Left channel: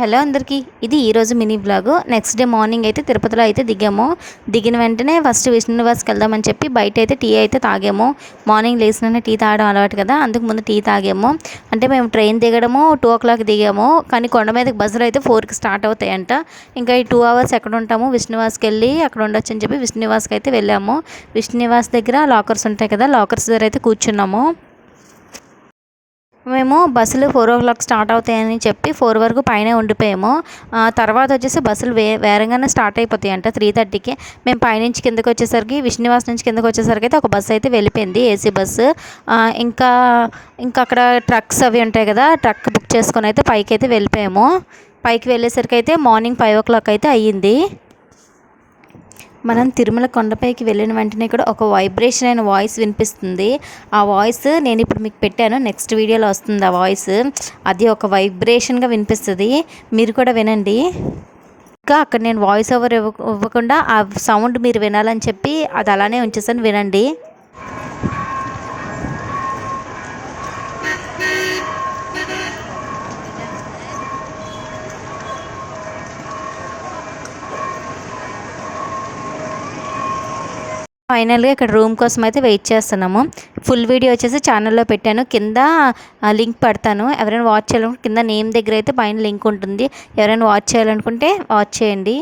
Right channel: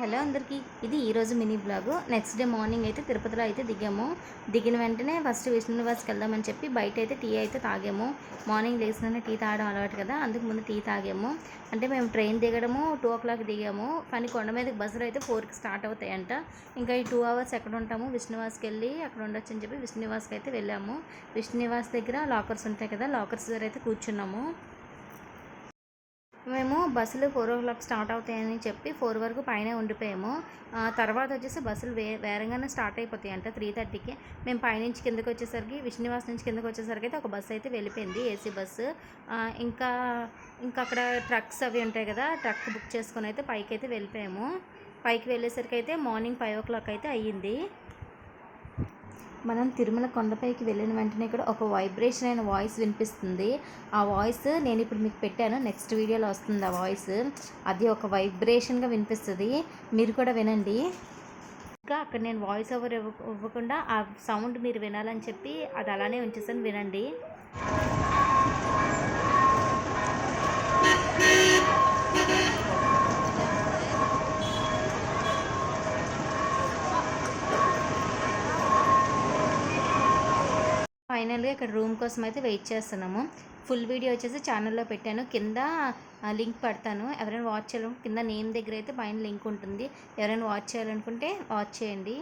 Hello అందరికీ, ఇది ఈరోజు mini blog. Next day morning అయితే తిరుపతిలో అయితే దిగాము. దిగిన వెంటనే ఫస్ట్ విష్ణు నివాస్కి వెళ్దామని చెప్పి బయట అయితే టీ అయితే తాగాము. మార్నింగ్ లేచిననే టీ తాగడం అలవాటు కదా, అందుకు ముందు టీ తాగాము. అంటే మేము ట్రైన్ దిగడము 2 o'clock దిగాము, కానీ కొండ మీదకి బస్సులు అయితే 4కి స్టార్ట్ అవుతాయంట. ఇంకా ఈ 2 hours ఎక్కడ ఉంటాము, విష్ణు నివాస్కి వెళ్ళి అక్కడ ఉండొచ్చు అని చెప్పి విష్ణు నివాస్కి అయితే వెళ్ళాము. విష్ణు నివాస్ దగ్గర లాకర్స్ ఉంటాయి కదా, లాకర్స్ దగ్గర అయితే కూర్చున్నాము. మేము బస్సులు 4 o'clock స్టార్ట్ అవుతాయని చెప్పి 4 వరకు పైనే ఉండిపోయాము. తర్వాత వచ్చేసి బస్సులు వేరంగానే స్టార్ట్ అయిపోతాయి అంట 3:30కి. మేము పైనుంచి కిందకి వచ్చేసరికి విష్ణునివాస్ నుంచి కిందకి వచ్చేసరికి అయితే ఒక బస్సు అయితే వెళ్ళిపోయింది, ఏసీ బస్సు. ఇంకా ఇంకా అక్కడ ట్రక్స్ అవి ఉంటాయి కదా, ట్రక్ బుక్ చేసుకొని అయితే పైకి అయితే వెళ్ళిపోయాము. పైకి వెళ్ళేసరికి అయితే మార్నింగ్ 5 o'clock అయితే అయ్యింది. మనం తిరుమల కొండపైకి వెళ్ళిన వెంటనే కూడా ఒక వైబ్రేషన్ అయిన వాయిస్ వినిపిస్తుంది. ఆ వాయిస్ నేను ఇప్పుడు మీకు పెట్టాను, నెక్స్ట్ వీడియోలో వస్తుంది ఆ వాయిస్. అది ఒక వైబ్రేషన్గా వినిపిస్తుంది, మీరు కూడా వినండి. ఇంకా అక్కడ నేను వాయిస్ ఓవర్ ఇవ్వకుండా ఆ సౌండ్ మీరు వినాలని చెప్పి అది అలానే ఉంచేసాను, వినండి. ఫైనల్గా ఇక్కడ రూమ్ కోసం అయితే వెయిట్ చేస్తున్నాము. ఫుల్ వీడియో వచ్చేసి ఛానల్లో పెట్టాను, కింద లింక్ పెడతాను. ఎవరైనా వాచ్ చేయాలనుకుంటే కింద నేమ్ దగ్గర అయితే పైన లింక్ ఉంటుంది, ఎవరైనా వాచ్ చేయాలనుకుంటే వాచ్ చేయండి.